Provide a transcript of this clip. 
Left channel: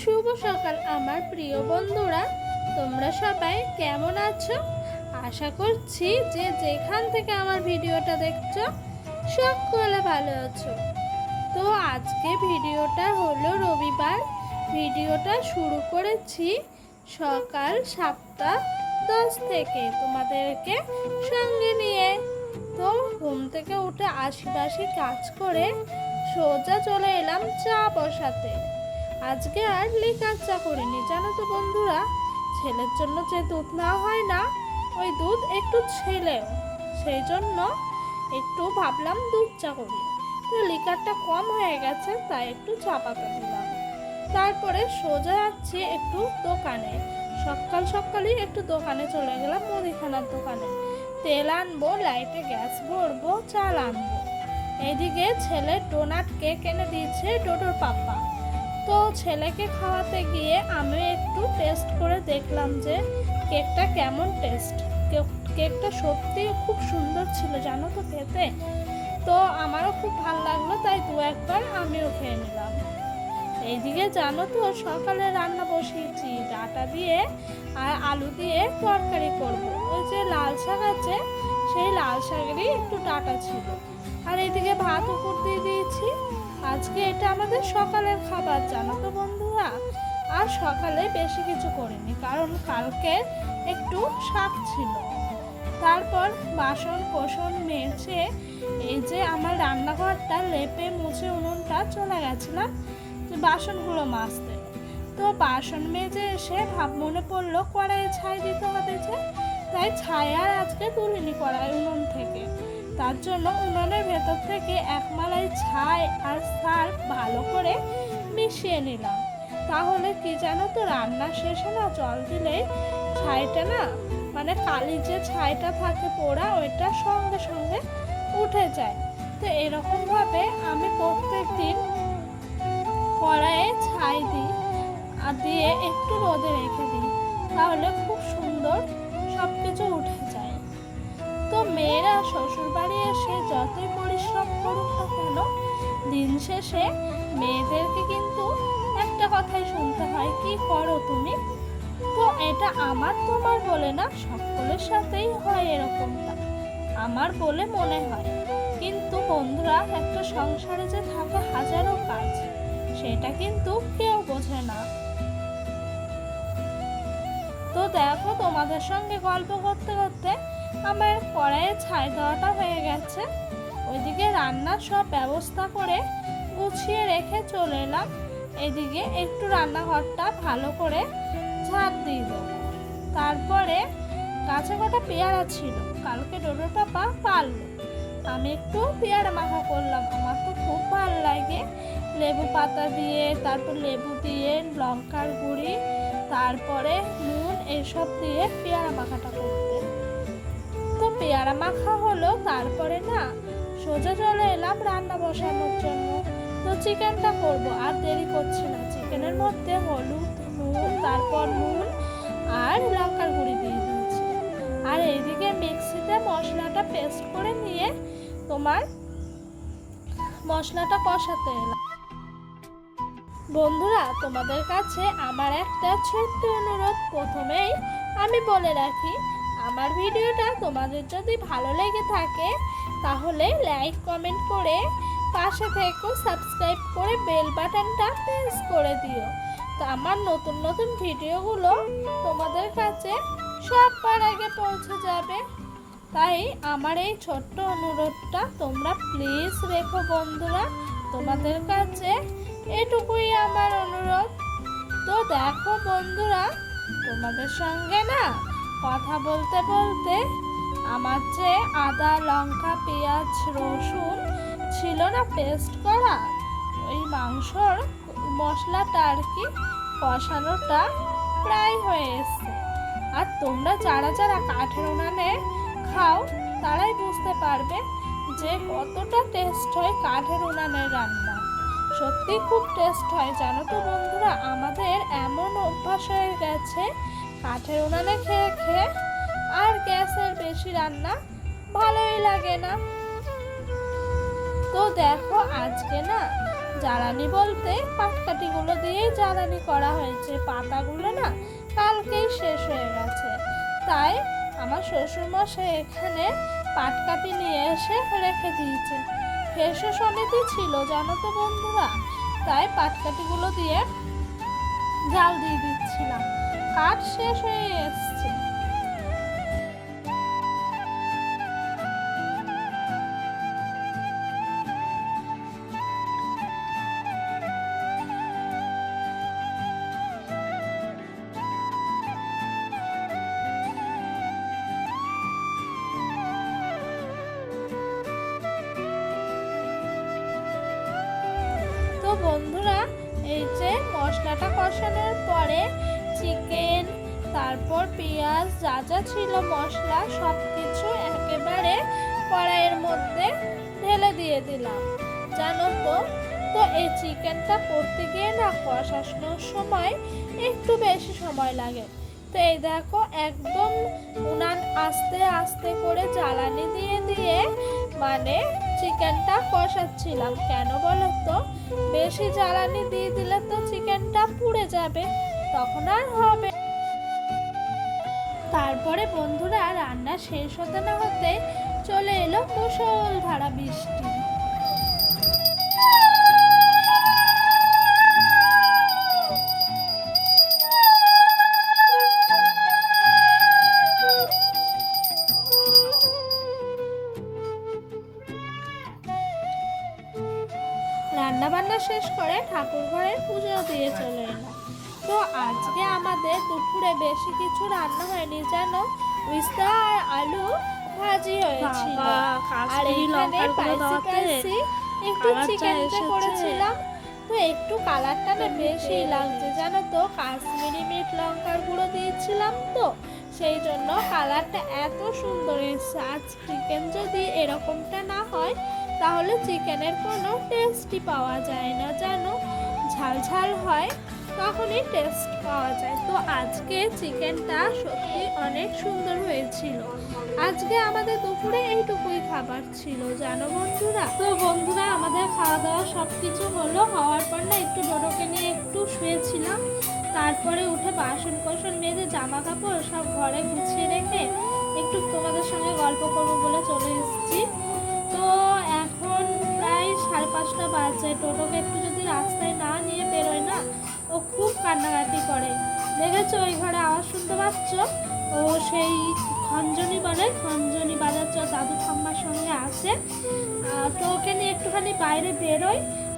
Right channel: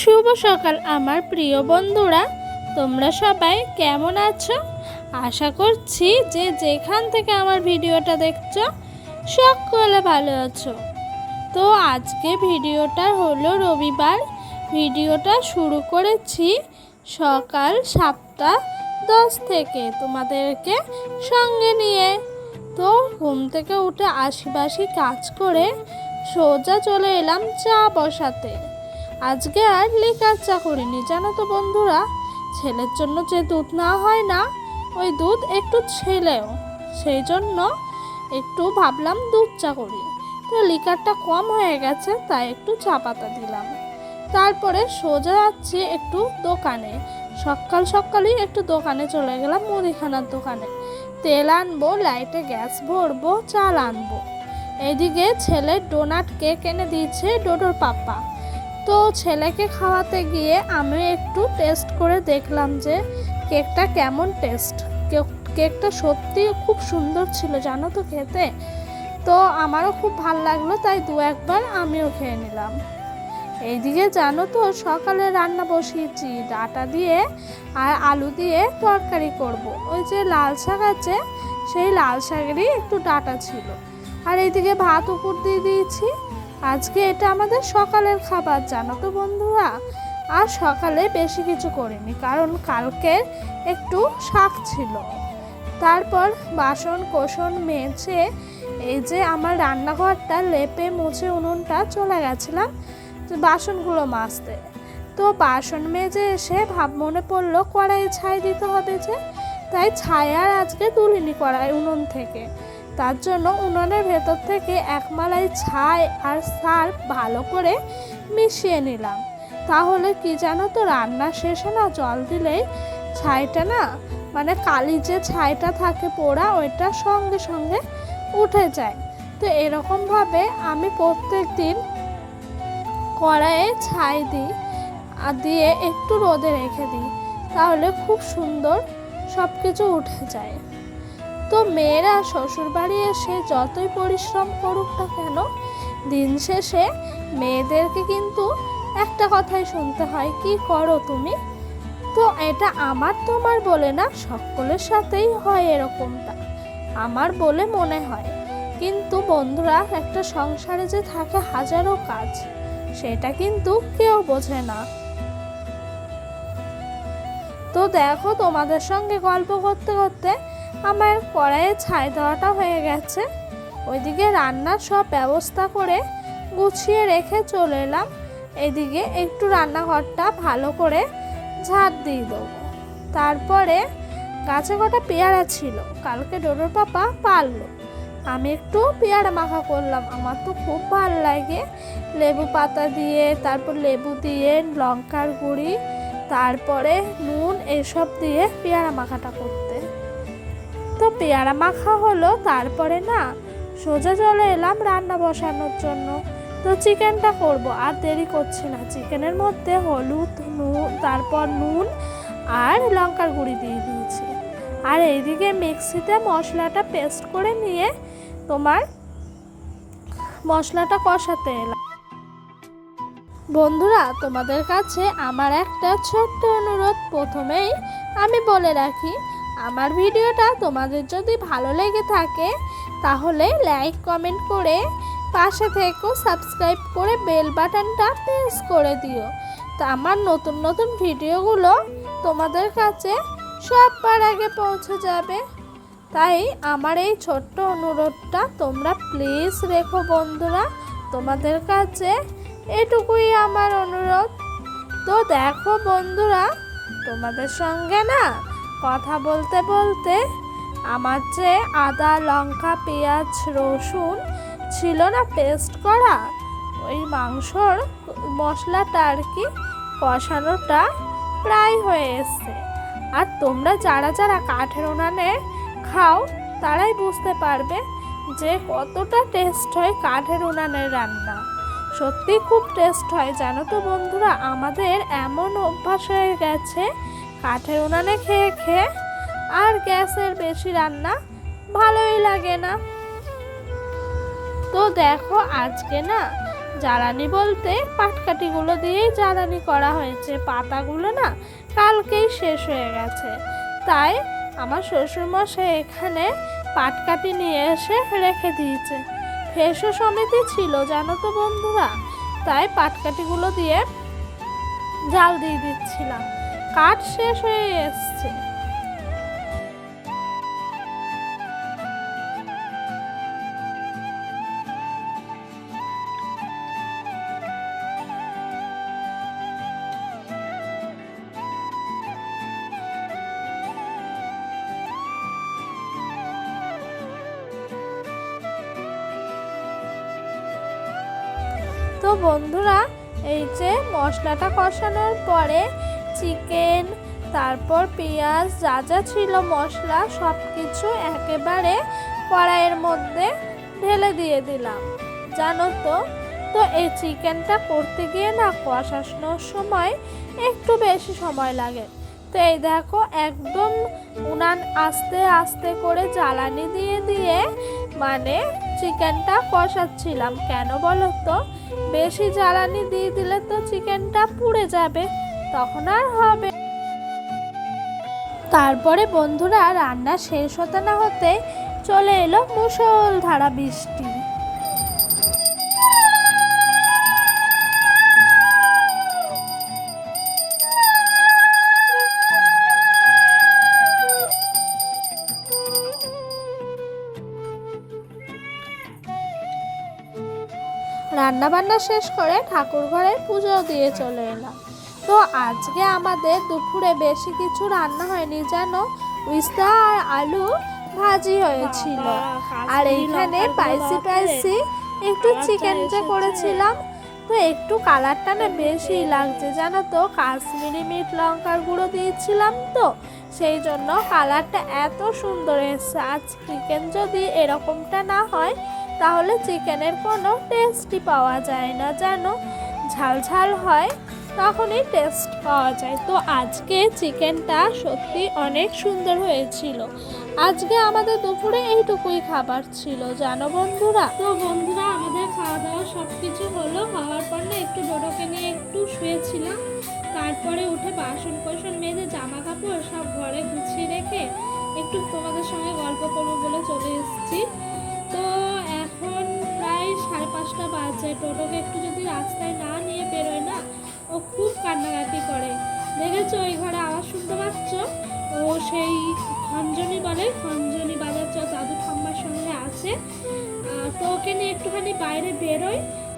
শুভ সকাল আমার প্রিয় বন্ধুরা, তোমরা সবাই কেমন আছো? আশা করছি যে যেখান থেকে আমার ভিডিওটা দেখছো সকলে ভালো আছো। তো আজকে ভিডিওটা হলো রবিবার। ভিডিওটা শুরু করেছি সকাল 7:10 থেকে তোমাদেরকে সঙ্গে নিয়ে। তো ঘুম থেকে উঠে আশিবাসি কাজ করে সোজা চলে এলাম চা বসাতে। আজকে আর লিকার চা করিনি, জানো তো বন্ধুরা, ছেলের জন্য যে দুধ না হয় না, ওই দুধ একটু ছেলেও, সেই জন্য একটু ভাবলাম দুধ চা করি। তো লিকারটা কম হয়ে গেছে, তাই একটু চা পাতা দিলাম। তারপরে সোজা যাচ্ছি একটু দোকানে। সকাল সকালই একটু দোকানে চলে গেলাম, মুদিখানার দোকানে। তেল আনবো, লাইটে গ্যাস ভরবো, চাল আনবো। এইদিকে ছেলে ডোনাট কেক এনে দিয়েছে ডোডোর পাপা। তো ছেলেকে খাওয়াতে গিয়ে আমি একটু টেস্ট করে দেখলাম যে কেকটা কেমন টেস্ট। কেকটা সত্যি খুব সুন্দর ছিল, জানো তো খেতে। তো আমারও খুব ভালো লাগলো, তাই দু একবার আমিও খেয়ে নিলাম। এইদিকে জানো তো সকালে রান্না বসিয়েছি, ডাঁটা দিয়ে আর আলু দিয়ে তরকারি করব। ওই যে লাল শাক আছে, সেই লাল শাকেরই একটু ডাঁটা ছিল। আর এইদিকে ভাত উপর দিয়ে দিয়েছি। আজকে এটা আমাদের সকালের খাবার, জানো তো বন্ধুরা। আর সকালে বেশি কিছু করিনি, কারণ কালকে একটু শাক ছিল। তারপর বাসন কোসন মেজে এই যে আমার রান্নাঘরটা লেপে মুছে উনুনটা চলে গেছিলাম বাসনগুলো মাজতে। তো বাসন মেজে এসে মনে পড়লো কড়াইয়ে ছাই দিতে হবে যে, তাই ছাই আর আজকে তুলিনি কড়াই উনুন থেকে। তার জন্য উনুনের ভেতর থেকে এক মালাই ছাই আর সার্ফ ভালো করে মিশিয়ে নিলাম। তাহলে কি জানো তো, রান্নার শেষে না জল দিলেই ছাইটা না, মানে কালি যে ছাইটা থাকে পোড়া, ওইটা সঙ্গে সঙ্গে উঠে যায়। তো এরকমভাবে আমি প্রত্যেক দিন কড়াইয়ে ছাই দিই আর দিয়ে একটু রোদে রেখে দিই, তাহলে খুব সুন্দর সব কিছু উঠে যায়। তো মেয়েরা শ্বশুর বাড়ি এসে যতই পরিশ্রম করুক না কেন, দিন শেষে মেয়েদেরকে কিন্তু একটা কথাই শুনতে হয়, কি করো তুমি। তো এটা আমার তোমার বলে না, সকলের সাথেই হয় এরকমটা, আমার বলে মনে হয়। কিন্তু বন্ধুরা, একটা সংসারে যে থাকে হাজারো কাজ, সেটা কিন্তু কেউ বোঝে না। তো দেখো, তোমাদের সঙ্গে গল্প করতে করতে আমার কড়াইয়ে ছাই দেওয়াটা হয়ে গেছে। ওইদিকে রান্নার সব ব্যবস্থা করে গুছিয়ে রেখে চলে এলাম। এদিকে একটু রান্নাঘরটা ভালো করে ঝাড় দিয়ে দেবো। তারপরে গাছে কটা পেয়ারা ছিল, কালকে ডোডোর পাপা পারলো। আমি একটু পেয়ারা মাখা করলাম, আমার তো খুব ভালো লাগে লেবু পাতা দিয়ে, তারপর লেবু দিয়ে, লঙ্কার গুঁড়ি, তারপরে নুন, এসব দিয়ে পেয়ারা মাখাটা করতে। তো পেয়ারা মাখা হলো, তারপরে না সোজা চলে এলাম রান্না বসানোর জন্য। তো চিকেনটা করব, আর দেরি করছি না। চিকেনের মধ্যে হলুদ, নুন, তারপর নুন আর লঙ্কার গুঁড়ি দিয়ে দিয়েছি। আর এইদিকে মিক্সিতে মশলাটা পেস্ট করে নিয়ে তোমার মশলাটা কষাতে এলাম। বন্ধুরা, তোমাদের কাছে আমার একটা ছোট্ট অনুরোধ প্রথমেই আমি বলে রাখি, আমার ভিডিওটা তোমাদের যদি ভালো লেগে থাকে তাহলে লাইক কমেন্ট করে পাশে থেকো, সাবস্ক্রাইব করে বেল বাটনটা প্রেস করে দিও। তা আমার নতুন নতুন ভিডিওগুলো তোমাদের কাছে সবার আগে পৌঁছে যাবে। তাই আমার এই ছোট্ট অনুরোধটা তোমরা প্লিজ রেখো বন্ধুরা, তোমাদের কাছে এটুকুই আমার অনুরোধ। তো দেখো বন্ধুরা, তোমাদের সঙ্গে না কথা বলতে বলতে আমার যে আদা, লঙ্কা, পেঁয়াজ, রসুন ছিল না পেস্ট করা, ওই মাংসর মশলাটা আর কি কষানোটা প্রায় হয়ে এসছে। আর তোমরা যারা যারা কাঠের উনানে খাও তারাই বুঝতে পারবে যে কতটা টেস্ট হয় কাঠের উনানের রান্না। সত্যি খুব টেস্ট হয়, জানো তো বন্ধুরা। আমাদের এমন অভ্যাস হয়ে গেছে কাঠের উনানে খেয়ে খেয়ে, আর গ্যাসের বেশি রান্না ভালোই লাগে না। তো দেখো, আজকে না জ্বালানি বলতে পাটকাঠিগুলো দিয়েই জ্বালানি করা হয়েছে, পাতাগুলো না কালকেই শেষ হয়ে গেছে। তাই আমার শ্বশুরমশাই এখানে পাটকাঠি নিয়ে এসে রেখে দিয়েছে। ফেসো সমিতি ছিল জানো তো বন্ধুরা, তাই পাটকাঠিগুলো দিয়ে জাল দিয়ে দিচ্ছিলাম, কাঠ শেষ হয়ে এসছে। তো বন্ধুরা, এই যে মশলাটা কষানোর পরে চিকেন, তারপর পেঁয়াজ, যা যা ছিল মশলা সব কিছু একেবারে কড়াইয়ের মধ্যে ঢেলে দিয়ে দিলাম জানো তো। তো এই চিকেনটা করতে গিয়ে না কষানোর সময় একটু বেশি সময় লাগে। তো এই দেখো একদম উনান আস্তে আস্তে করে জ্বালানি দিয়ে দিয়ে মানে চিকেনটা কষাচ্ছিলাম। কেন বলো তো, বেশি জ্বালানি দিয়ে দিলে তো চিকেনটা পুড়ে যাবে, তখন আর হবে। তারপরে বন্ধুরা রান্না শেষ হতে না হতে চলে এলো মুষলধারা বৃষ্টি। রান্না বান্না শেষ করে ঠাকুর ঘরে পুজো দিয়ে চলে এলাম। তো আজকে আমাদের দুপুরে বেশি কিছু রান্না হয়নি জানো, উস্তা আর আলু ভাজি হয়েছিল। আর এইখানে স্পাইসি একটু চিকেন করেছিলাম। তো একটু কালারটা না বেশি লাগছে জানো তো, কাশ্মীরি মিট লঙ্কার গুঁড়ো দিয়েছিলাম তো সেই জন্য কালারটা এত সুন্দর এসেছে। আজ চিকেন যদি এরকমটা না হয় তাহলে চিকেনের কোনো টেস্টই পাওয়া যায় না জানো, ঝাল ঝাল হয় তখনই টেস্ট পাওয়া যায়। তো আজকে চিকেনটা সত্যি অনেক সুন্দর হয়েছিল। আজকে আমাদের দুপুরে এইটুকুই খাবার ছিল জানো বন্ধুরা। তো বন্ধুরা আমাদের খাওয়া দাওয়া সব কিছু হলো, হওয়ার পর না একটু ডোডোকে নিয়ে একটু শুয়েছিলাম। তারপরে উঠে বাসন কোসন মেজে জামা কাপড় সব ঘরে গুছিয়ে রেখে একটু তোমাদের সঙ্গে গল্প করবো বলে চলে এসেছি। তো এখন প্রায় 5:30 বাজে। টোটোকে একটু যদি রাস্তায় না নিয়ে বেরোয় না ও খুব কান্নাকাটি করে। দেখেছো ওই ঘরে আওয়াজ শুনতে পাচ্ছ, ও সেই খঞ্জনি বলে, খঞ্জনি বাজাচ্ছে, দাদু ঠাম্মার সঙ্গে আসে। তো ওকে নিয়ে একটুখানি বাইরে বেরোয়